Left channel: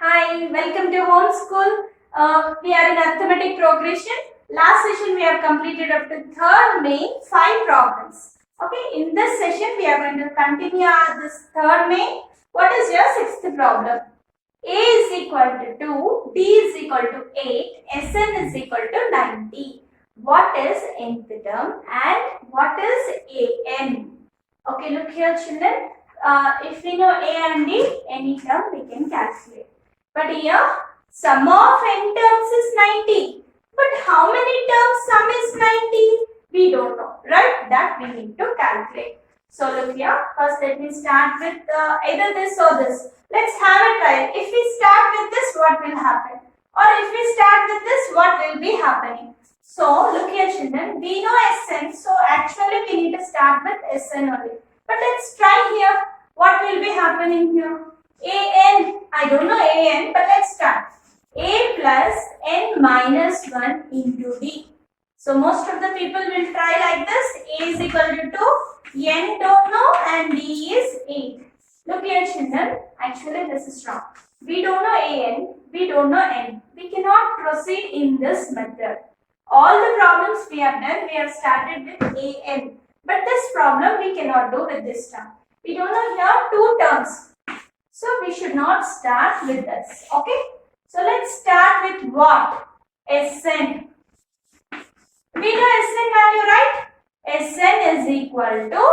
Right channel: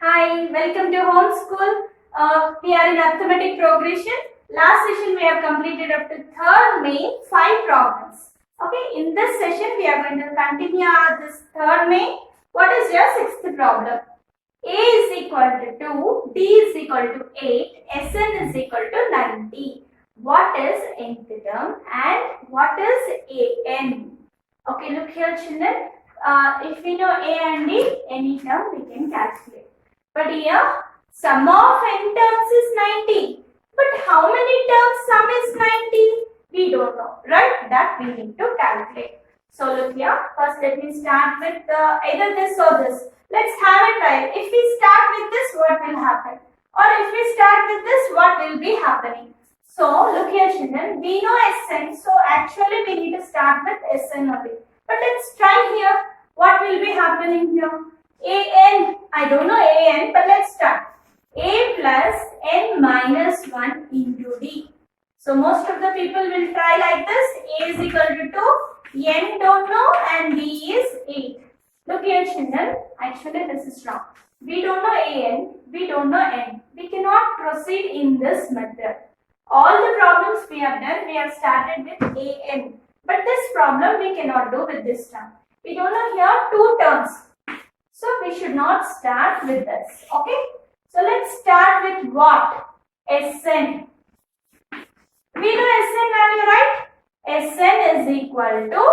Hi, welcome to homeschool. We are in arithmetic progression. Last session we have completed up to 3rd May 5 problems. Okay, in this session we are going to continue this 3rd May. What is your 6th problem? A is equal to 2, D is equal to 8, Sn is equal to 90. What is nth term and what is An? Okay, look here children. If we know A and D, any term we can calculate. But here, sum of n terms is 90. But how many terms sum is 90? We don't know, right? That we need to calculate. So look here. First, let me start with either this or this. Let's have a try. If we start with this, what will happen? Or if we start with this, what will be happening? So look here, children. We know Sn. So actually, we need to start with Sn only. But let's try here. What will be happening here? An, I don't know An, but let's start. A plus n minus 1 into D. So most of the people will try like this. A is equal to 2, n don't know and D is 8. Look here children, actually this is wrong. We don't know An, we don't know n. We cannot proceed in this method. All the problems we have done, we have started with An. But this problem we cannot do with this term. We don't know here 2 terms. So we should not start with this. Okay. So let's start with what? Sn. We know Sn value, right? Sn is equal to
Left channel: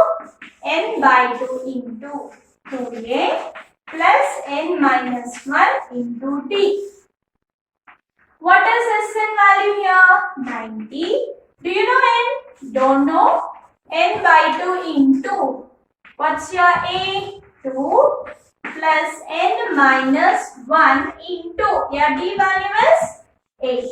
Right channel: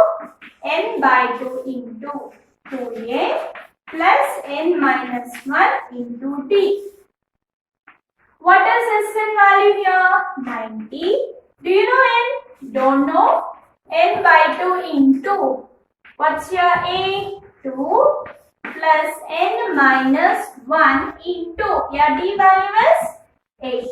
n by 2 into 2a plus n minus 1 into d. What is Sn value here? 90. Do you know n? Don't know. N by 2 into. What's your a? 2. Plus n minus 1 into your d value is 8.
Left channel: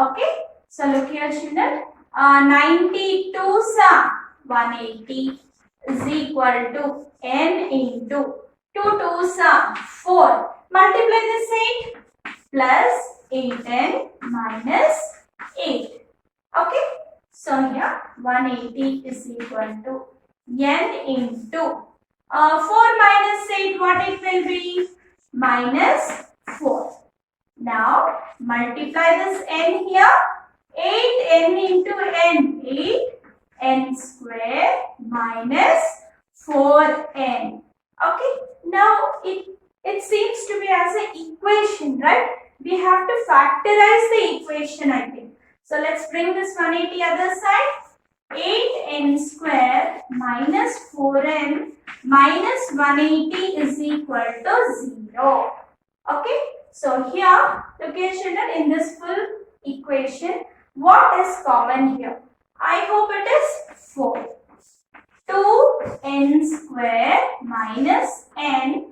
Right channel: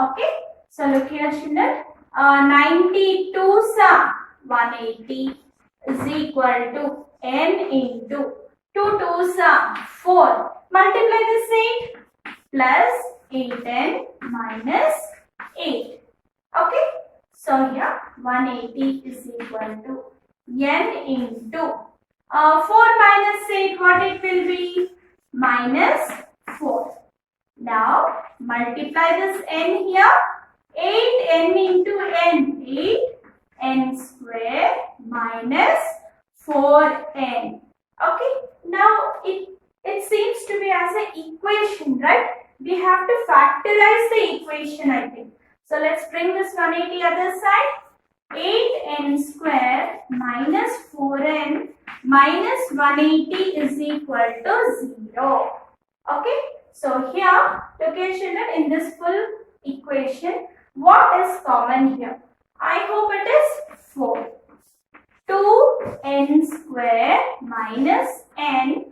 Okay. So look here children. 92 sa 180 is equal to n into 2 2 sa 4. Multiply this 8 plus 8n minus 8. Okay. So here 180 is equal to n into 4 minus 8, what it will be? Minus 4. Now, multiply this n here. 8n into n. 8n square minus 4n. Okay. Now, it seems to be as an equation, right? We have to factorize the equation, I think. So, let's bring this 180 other side. 8n square minus 4n minus 180 is equal to 0. Okay. So here, look here children, in this full equation, what is common here? I hope it is 4. 2n square minus n.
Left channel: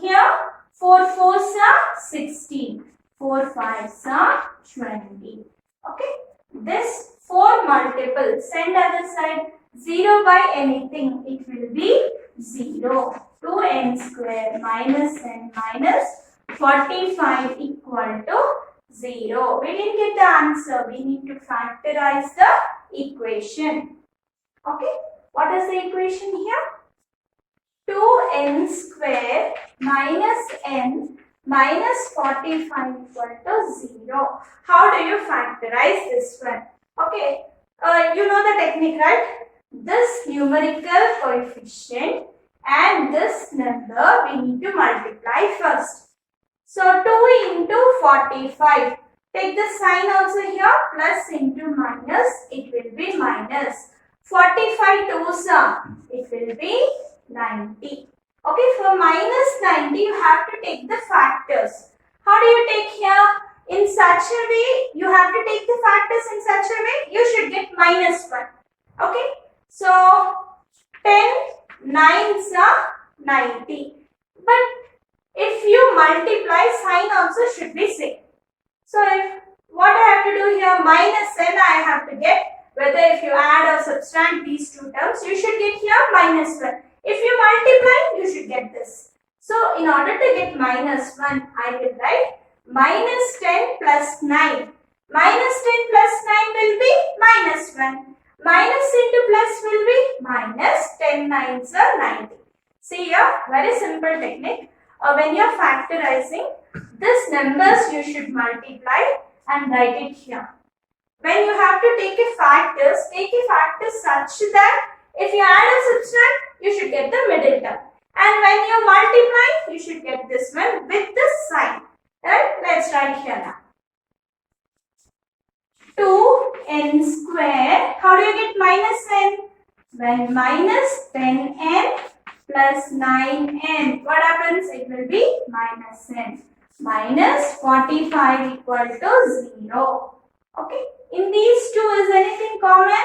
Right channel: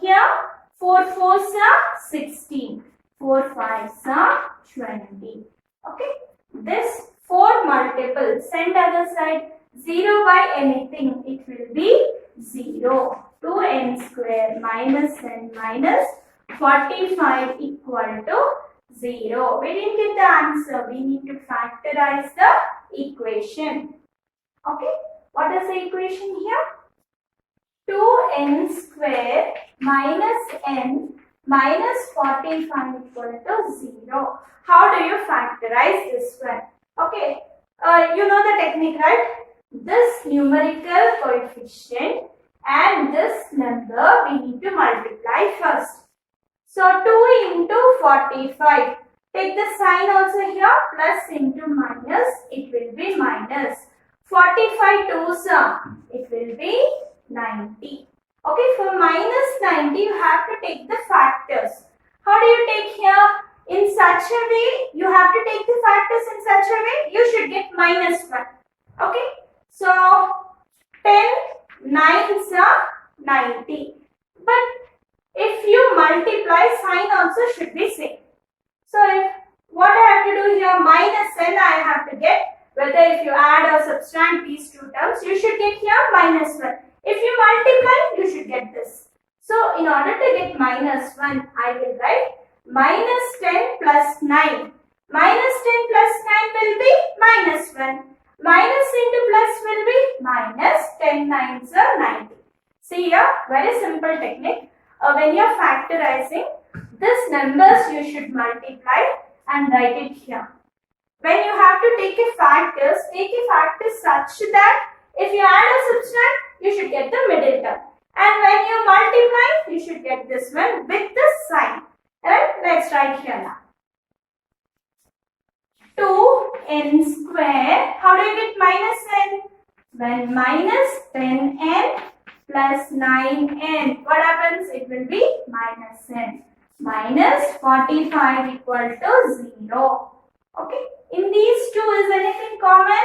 Here, 4 4s are 16. 4 5s are 20. Okay. This 4 multiple, send other side. 0 by anything, it will be 0. 2n square minus n minus 45 equal to 0. We didn't get the answer. We need to factorize the equation. Okay. What is the equation here? 2n square minus n minus 45 equal to 0. How do you factorize this one? Okay. You know the technique, right? This numerical coefficient and this number we need to multiply first. So 2 into 45. Take the sign also here. Plus into minus. It will be minus. 45 twos are. It will be 90. Okay. For minus 90 you have to take the factors. How do you take here? In such a way you have to take the factors in such a way you should get minus 1. Okay. So, 10 9s are 90. But if you multiply, sign also should be same. So, what I have to do here, minus n I have to get, whether if you add or subtract these two terms, you should get here minus 1. If you multiply, you should get this. So, in order to get minus 1, I will write minus 10 plus 9. Minus 10 plus 9 will be minus 1. Minus into plus will be minus 10 9s are 90. See here, very simple technique. when you are factorizing, these numbers you should multiply and write it here. When you have to take a factors such that if you add or subtract, you should get the middle term. And when you multiply, you should get this one with the sign. Right? Let's write here now. 2n square. How do you get minus n? When minus 10n plus 9n. What happens? It will be minus n. Minus 45 equal to 0. Okay. In these two, is anything common?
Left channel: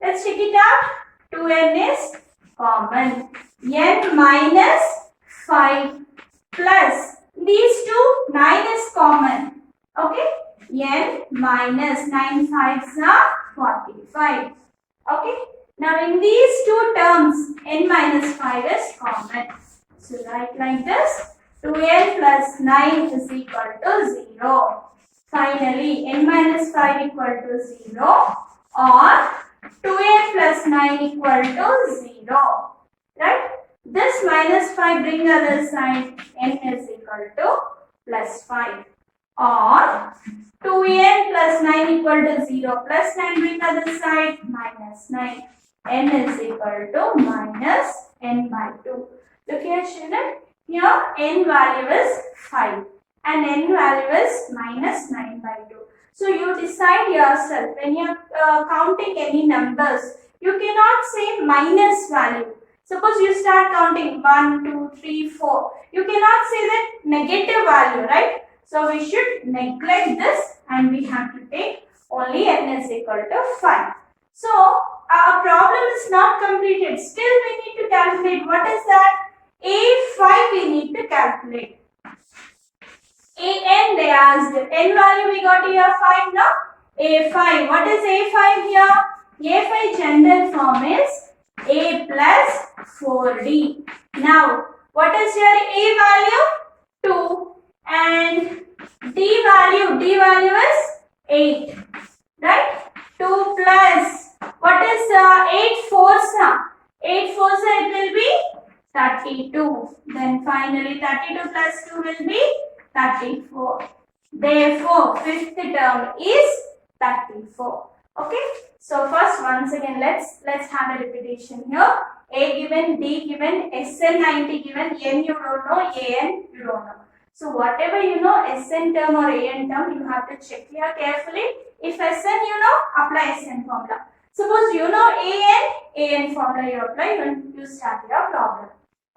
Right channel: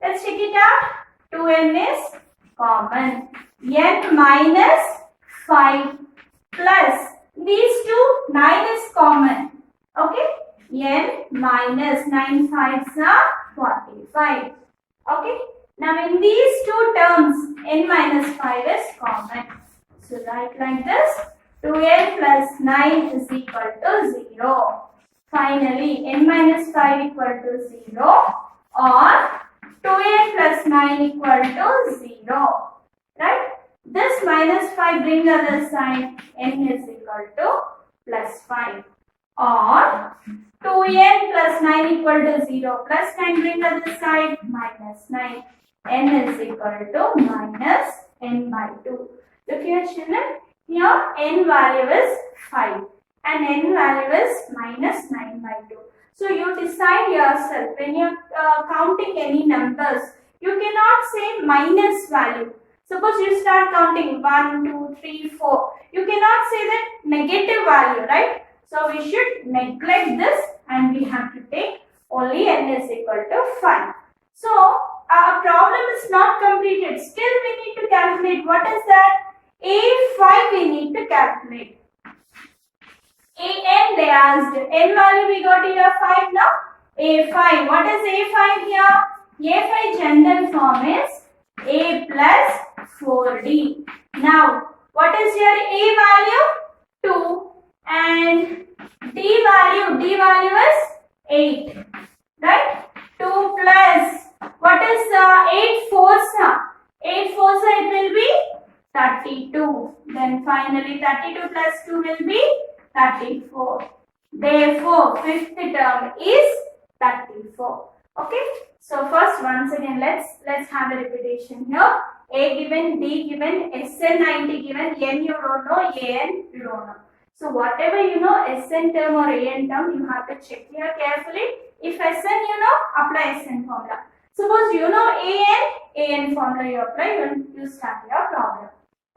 Let's check it out. 2n is common. N minus 5 plus these two, 9 is common. Okay. N minus 9 5s are 45. Okay. Now in these two terms, n minus 5 is common. So write like this. 2n plus 9 is equal to 0. Finally, n minus 5 equal to 0 or 2n plus 9 equal to 0. Right? This minus 5 bring other side, n is equal to plus 5. Or 2n plus 9 equal to 0 plus 9 bring other side, minus 9. N is equal to minus n by 2. Look here children, here n value is 5 and n value is minus 9 by 2. So you decide yourself when you are counting any numbers, you cannot say minus value. Suppose you start counting 1, 2, 3, 4. You cannot say that negative value, right? So we should neglect this and we have to take only n is equal to 5. So our problem is not completed. Still we need to calculate. What is that? A5 we need to calculate. An they asked. N value we got here 5 now. A5. What is A5 here? A5 general form is A plus 4D. Now, what is your A value? 2 and D value is 8. Right? 2 plus, what is 8 fours? 8 fours it will be 32. Then finally 32 plus 2 will be 34. Therefore, fifth term is 34. Okay. So first, once again, let's have a repetition here. A given, D given, Sn 90 given, N you don't know, An you don't know. So whatever you know, Sn term or An term, you have to check here carefully. If Sn you know, apply Sn formula. Suppose you know An formula you apply, you start your problem.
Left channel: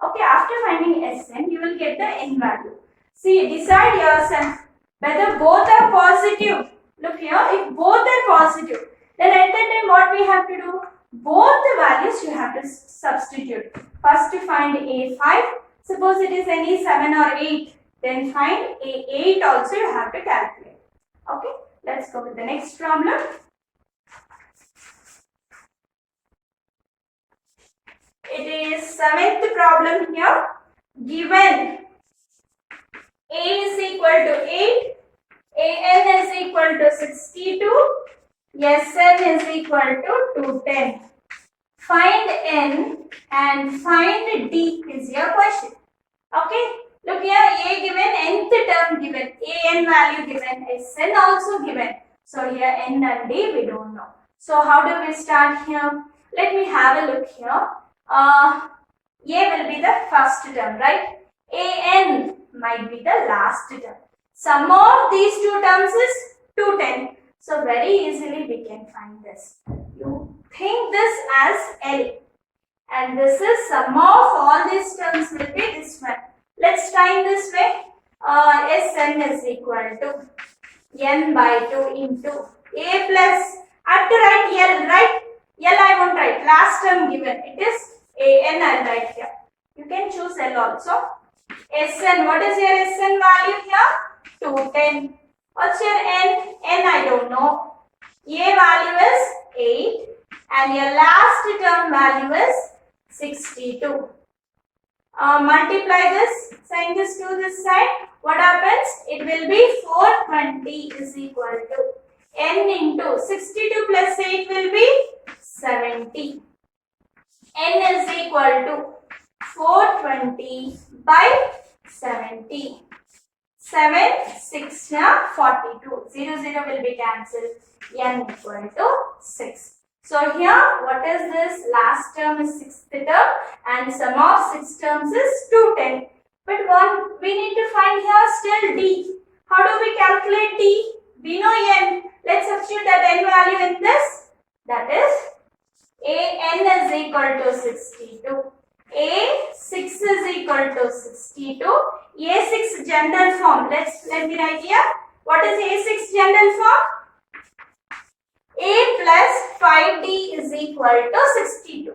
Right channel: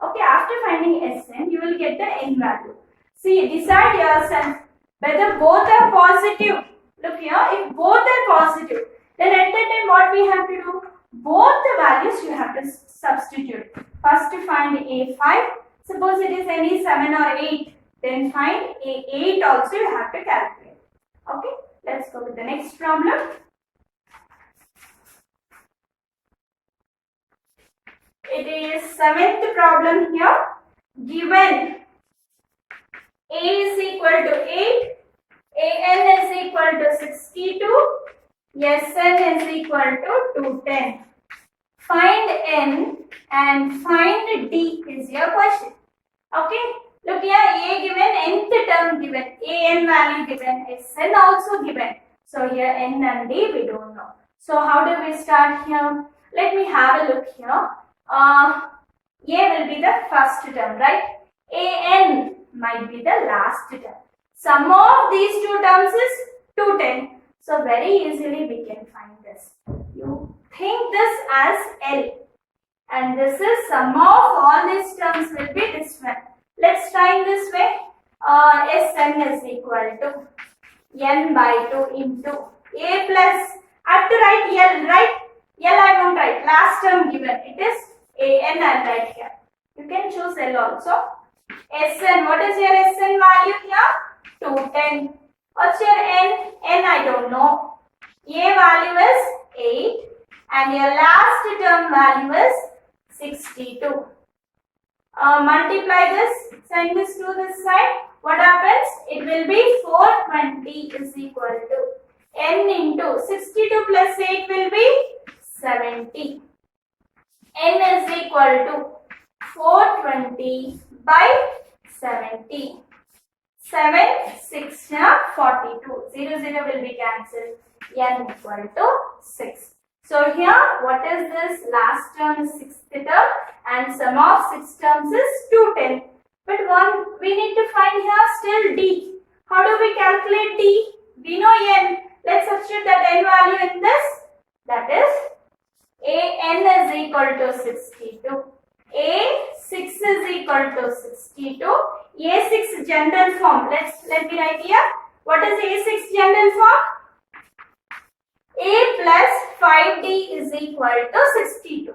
Okay, after finding Sn, you will get the n value. See, decide yourself whether both are positive. Look here, if both are positive, then at that time what we have to do? Both the values you have to substitute. First to find A5. Suppose it is any 7 or 8. Then find A8 also you have to calculate. Okay, let's go with the next problem. It is 7th problem here. Given A is equal to 8, An is equal to 62, Sn is equal to 210. Find n and find d is your question. Okay, look here, A given, nth term given, An value given, Sn also given. So here n and d we don't know. So how do we start here? Let me have a look here. A will be the first term, right? An might be the last term. Sum of these two terms is 210. So very easily we can find this. You think this as L. And this is sum of all these terms will be this one. Let's try in this way. Sn is equal to n by 2 into A plus, I have to write L, right? L I won't write. Last term given. It is An I'll write here. You can choose L also. Sn, what is your Sn value here? 210. What's your n? N I don't know. A value is 8 and your last term value is 62. Multiply this, send this to this side. What happens? It will be 420 is equal to n into 62 plus 8 will be 70. N is equal to 420 by 70. 7, 6, 42. 0, 0 will be cancelled. N equal to 6. So here, what is this? Last term is 6th term and sum of 6 terms is 210. But we need to find here still D. How do we calculate D? We know N. Let's substitute that N value in this. That is N is equal to 62. A6 is equal to 62. A6 general form. Let me write here. What is A6 general form? A plus 5D is equal to 62.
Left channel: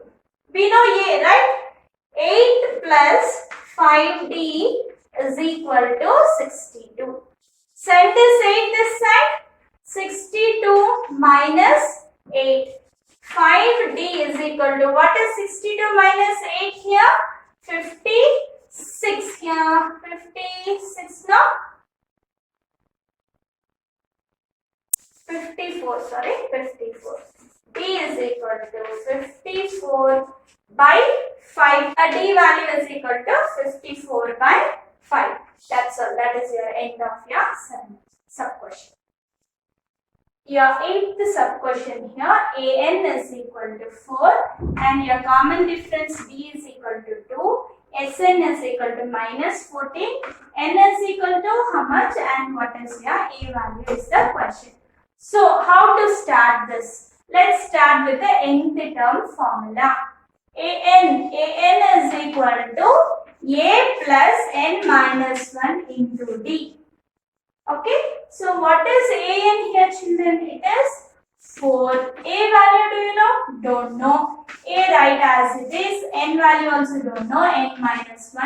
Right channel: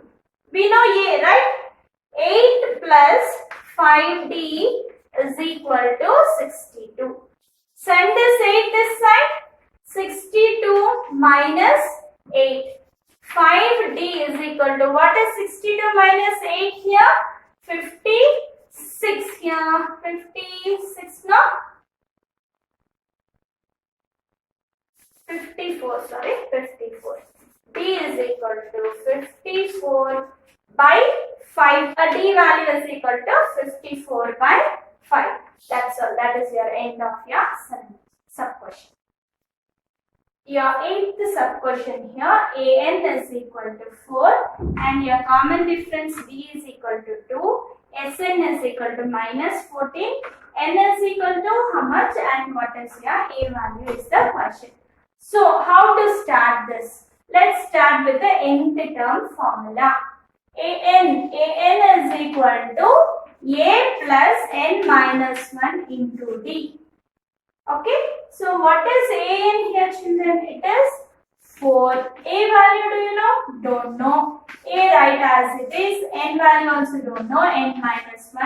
We know A, right? 8 plus 5D is equal to 62. Send this 8 this side. 62 minus 8. 5D is equal to, what is 62 minus 8 here? 56 here. 56, no? 54, sorry, 54. D is equal to 54 by 5. D value is equal to 54 by 5. That's all. That is your end of your sub-question. Your 8th sub-question here, AN is equal to 4 and your common difference D is equal to 2, SN is equal to minus 14, N is equal to how much and what is your A value is the question. So, how to start this? Let's start with the nth term formula. AN is equal to A plus N minus 1 into D. Okay, so what is AN here, children? It is 4. A value do you know? Don't know. A write as it is. N value also don't know. N minus 1.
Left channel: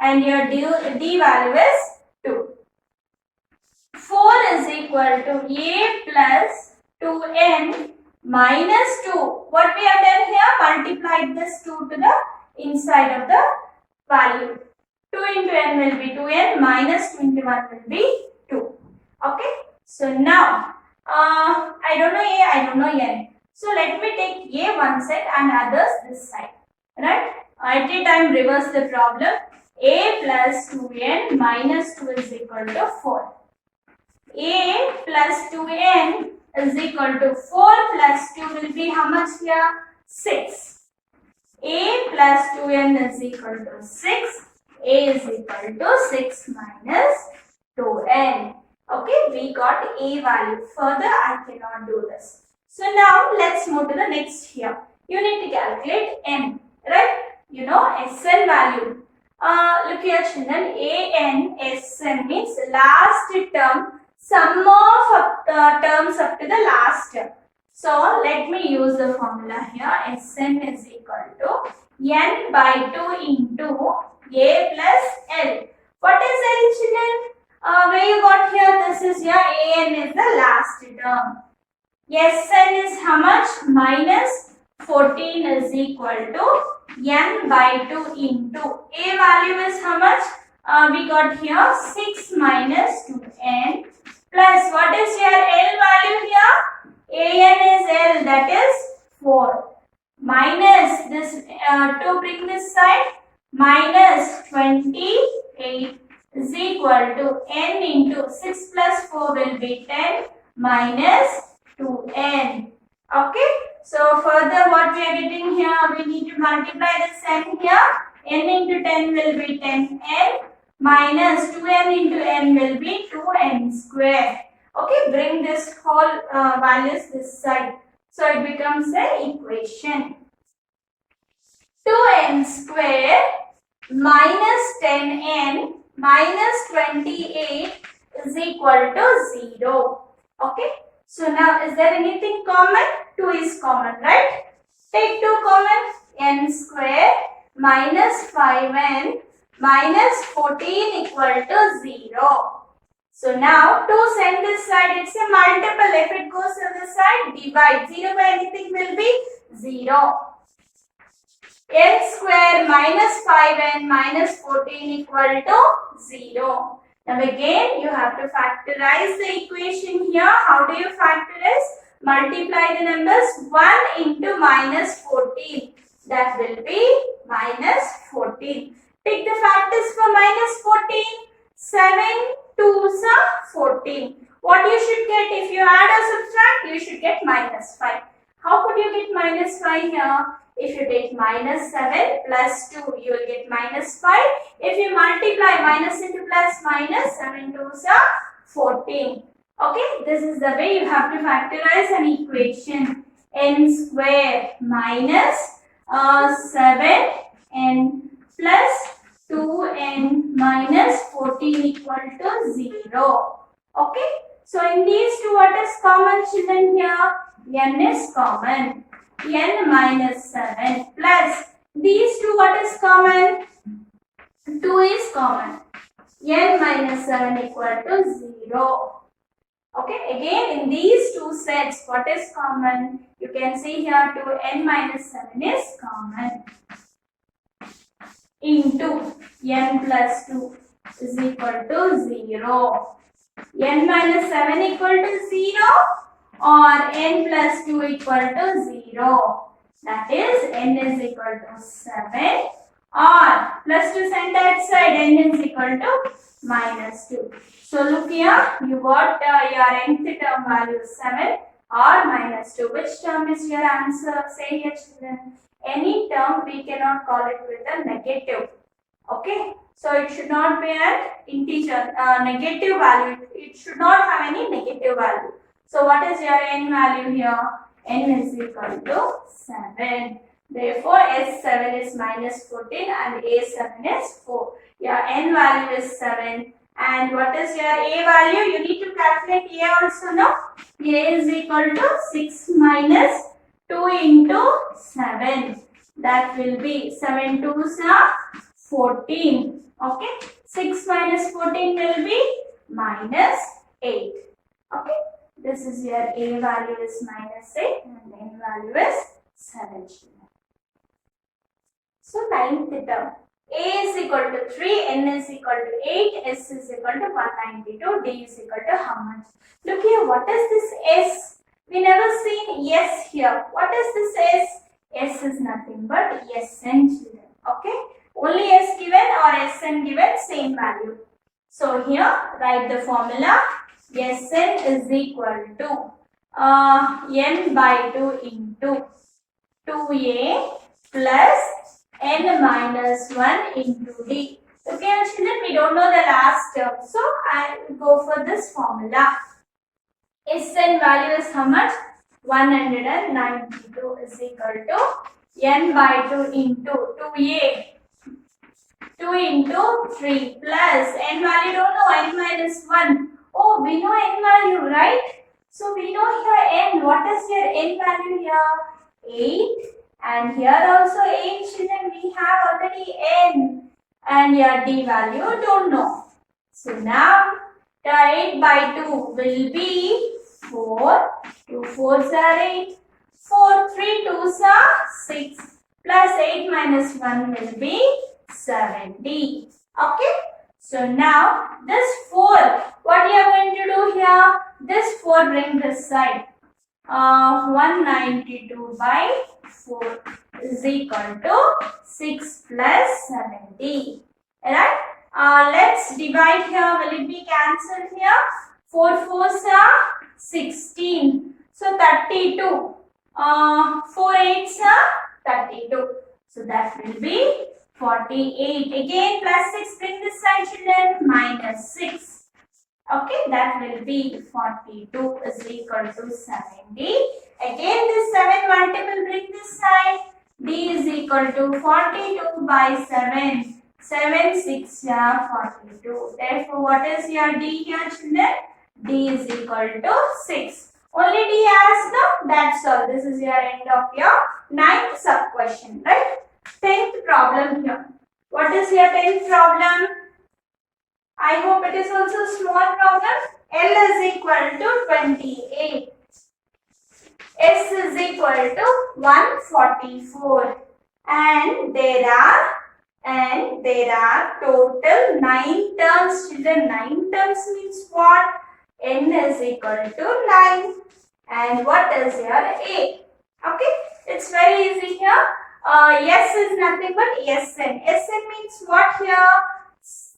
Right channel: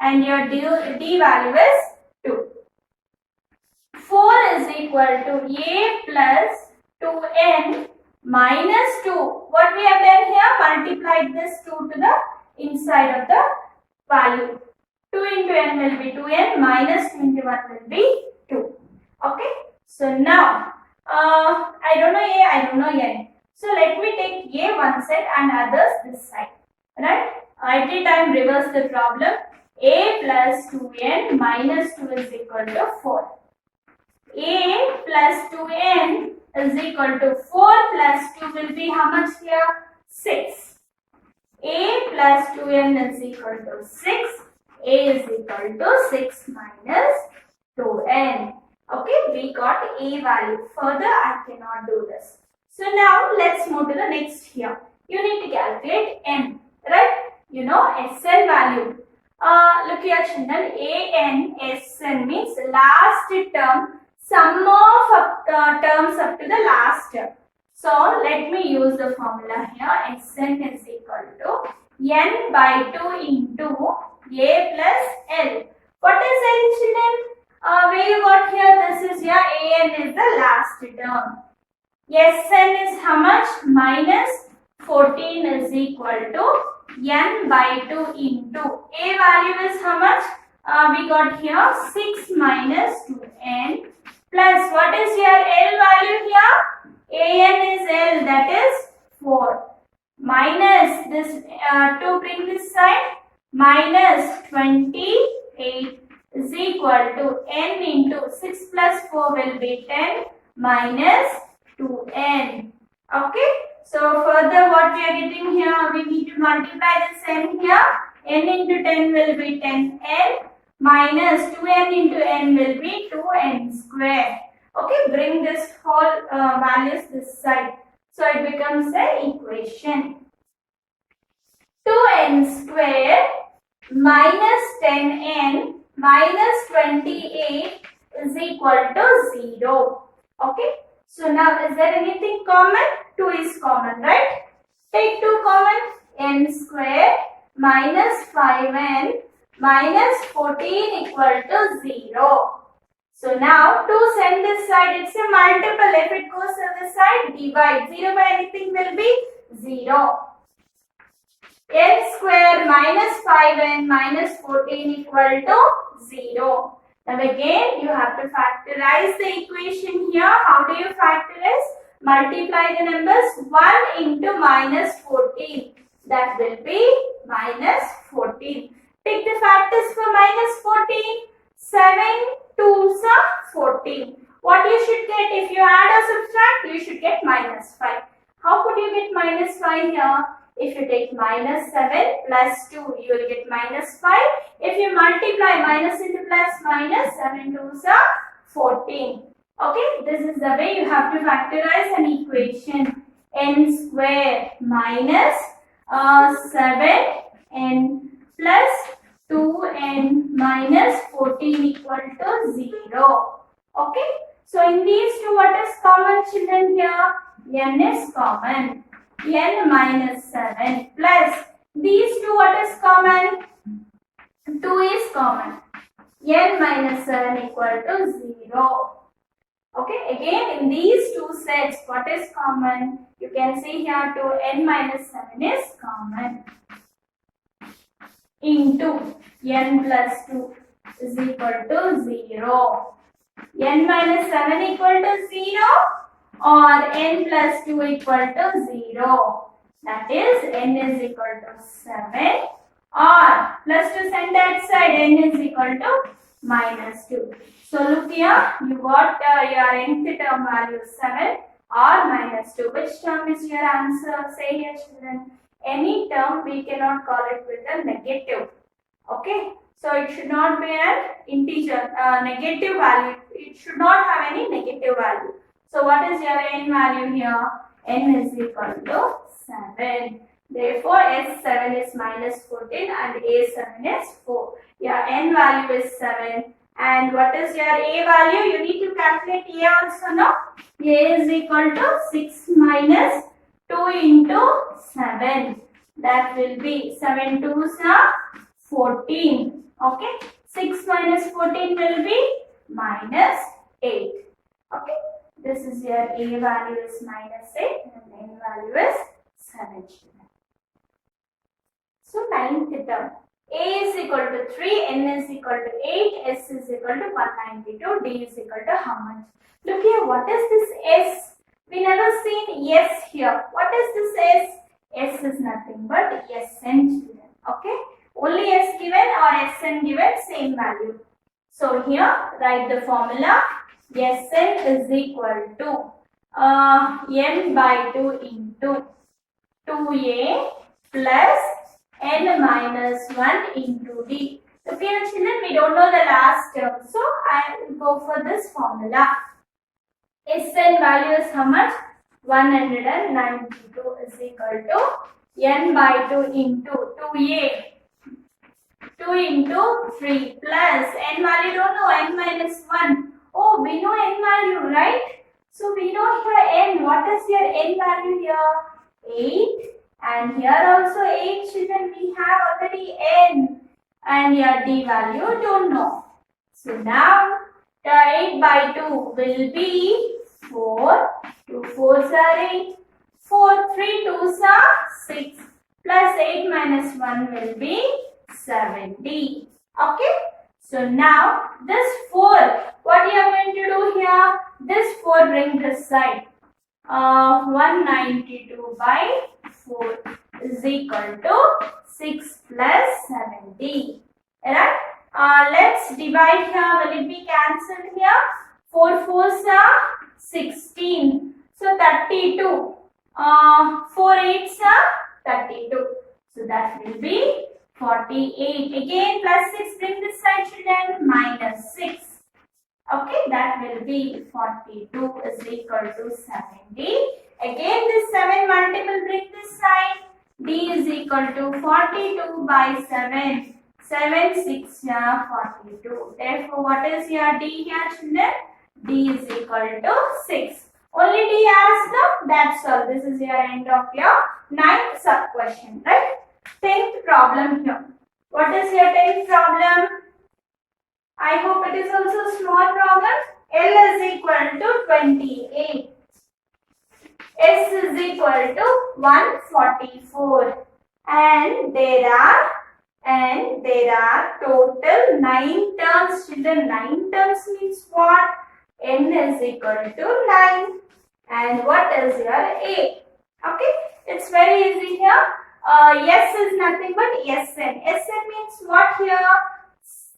And your D value is 2. 4 is equal to A plus 2N minus 2. What we have done here? Multiplied this 2 to the inside of the value. 2 into N will be 2N minus 2 into 1 will be 2. Okay. So now, I don't know A, I don't know N. So let me take A one side and others this side. Right? Every time reverse the problem. A plus 2N minus 2 is equal to 4. A plus 2N is equal to 4 plus 2 will be how much here? 6. A plus 2N is equal to 6. A is equal to 6 minus 2N. Okay, we got A value. Further, I cannot do this. So now, let's move to the next here. You need to calculate N, right? You know, SN value. Look here, children. AN, SN means last term, sum of terms up to the last term. So, let me use the formula here. SN is equal to N by 2 into A plus L. What is L, children? Where you got here, this is your AN is the last term. SN is how much? Minus 14 is equal to N by 2 into A value is how much? We got here 6 minus 2N plus what is your L value here? AN is L, that is 4 minus this 2 bring this side minus 28 is equal to N into 6 plus 4 will be 10 minus 2N. Okay. So further what we are getting here, we need to multiply this N here. N into 10 will be 10N minus 2N into N will be 2N square. Okay. Bring this whole values this side. So it becomes an equation. 2N square minus 10N minus 28 is equal to 0. Okay. So now is there anything common? 2 is common, right? Take 2 common. N square minus 5N minus 14 equal to 0. So now 2 send this side. It's a multiple. If it goes to this side, divide. 0 by anything will be 0. N square minus 5N minus 14 equal to 0. Now again, you have to factorize the equation here. How do you factorize? Multiply the numbers 1 into minus 14. That will be minus 14. Take the factors for minus 14. 7 2s are 14. What you should get if you add or subtract? You should get minus 5. How could you get minus 5 here? If you take minus 7 plus 2, you will get minus 5. If you multiply minus into plus minus, 7 2s are 14. Okay, this is the way you have to factorize an equation. N square minus 7n plus 2n minus 14 equal to 0. Okay, so in these two, what is common, children? Here n is common. N minus 7 plus these two, what is common? 2 is common. N minus 7 equal to 0. Okay, again in these two sets, what is common? You can see here 2n minus 7 is common. Into n plus 2 is equal to 0. N minus 7 equal to 0 or n plus 2 equal to 0. That is n is equal to 7 or plus to send that side, n is equal to minus 2. So look here, you got your nth term value 7 or minus 2. Which term is your answer? Say here, children. Any term we cannot call it with a negative. Okay, so it should not be an integer, negative value. It should not have any negative value. So what is your n value here? N is equal to 7. Therefore, S7 is minus 14 and A7 is 4. Your n value is 7. And what is your A value? You need to calculate A also, no? A is equal to 6 minus 2 into 7. That will be 7 2s are 14. Okay. 6 minus 14 will be minus 8. Okay. This is your A value is minus 8 and N value is 7. So 9th term. A is equal to 3, N is equal to 8, S is equal to 192, D is equal to how much? Look here, what is this S? We never seen S here. What is this S? S is nothing but Sn, children. Okay? Only S given or Sn given, same value. So here, write the formula. Sn is equal to n by 2 into 2a plus n minus 1 into d. Okay, children, we don't know the last term. So, I will go for this formula. Sn value is how much? 192 is equal to n by 2 into 2a. 2 into 3 plus n value don't know, n minus 1. Oh, we know n value, right? So, we know here n. What is your n value here? 8. And here also 8, children, we have already n. And your d value don't know. So now 8 by 2 will be 4. 2 4s are 8. 4 3 2s are 6. Plus 8 minus 1 will be 70. Okay. So now this 4, what you are going to do here? This 4 bring this side. 192 by 4 is equal to 6 plus 70. Right? Let's divide here. Will it be cancelled here? 4 4s are 16. So 32. 4 8s are 32. So that will be 48. Again plus 6 bring this side, children. Minus 6. Okay, that will be 42 is equal to 70. Again this 7 multiple bring this side. D is equal to 42 by 7. 7 6 42. Therefore, what is your D here, children? D is equal to 6. Only D as no? That's all. This is your end of your 9th sub question, right? 10th problem here. What is your 10th problem? I hope it is also a small problem. L is equal to 28. S is equal to 144. And there are total 9 terms. Children, 9 terms means what? N is equal to 9. And what is your A? Okay, it's very easy here. S is nothing but Sn. Sn means what here?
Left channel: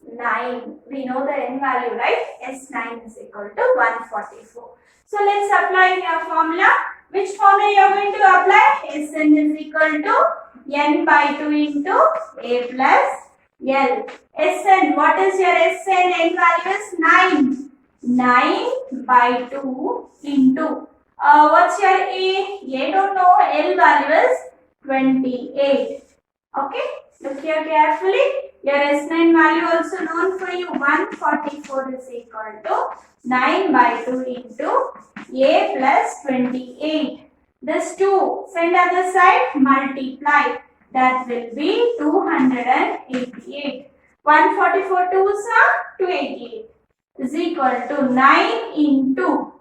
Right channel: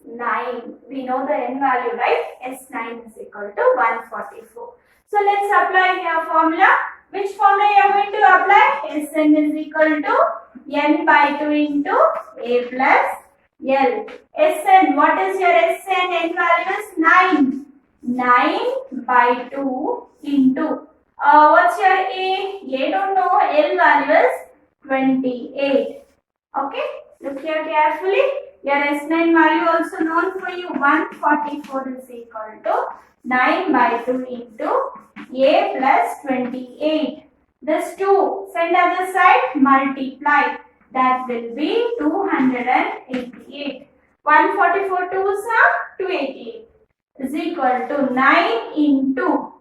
9. We know the n value, right? S9 is equal to 144. So let's apply here formula. Which formula you are going to apply? Sn is equal to n by 2 into a plus L. Sn, what is your Sn? N value is 9. 9 by 2 into, what's your A? A don't know, L value is 28. Okay, look here carefully. Your S9 value also known for you. 144 is equal to 9 by 2 into A plus 28. This 2, send other side, multiply. That will be 288. 144 2s are 288 is equal to 9 into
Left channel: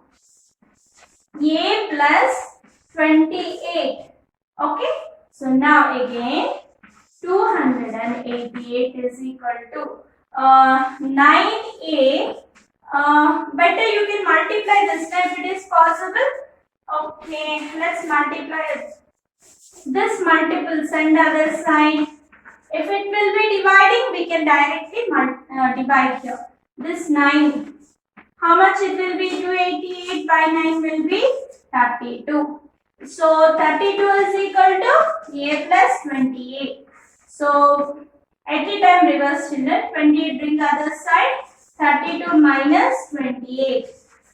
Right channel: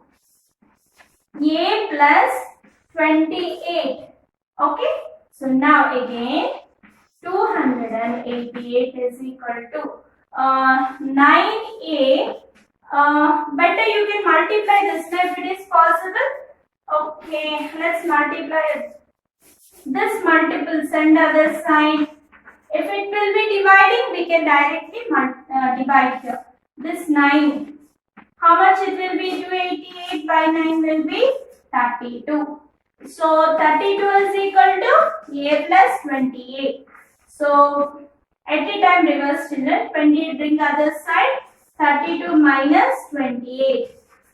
A plus 28. Okay. So now again 288 is equal to 9A. Better you can multiply this time if it is possible. Okay, let's multiply it. This multiple send other side. If it will be dividing, we can directly divide here. This 9. How much it will be? 288 by 9 will be 32. So 32 is equal to A plus 28. So at the time reverse children, 28 bring other side, 32 minus 28.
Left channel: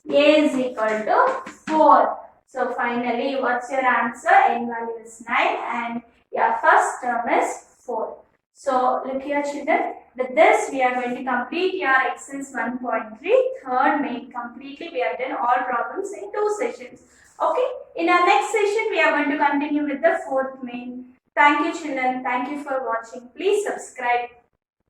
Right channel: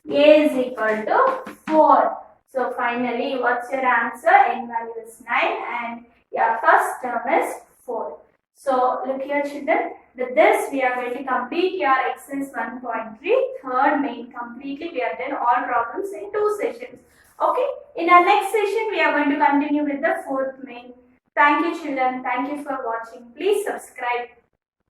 A is equal to 4. So finally what's your answer? N value is 9 and your first term is 4. So look here children, with this we are going to complete your exercise 1.3 third main completely. We have done all problems in 2 sessions. Okay, in our next session we are going to continue with the fourth main. Thank you children, thank you for watching. Please subscribe.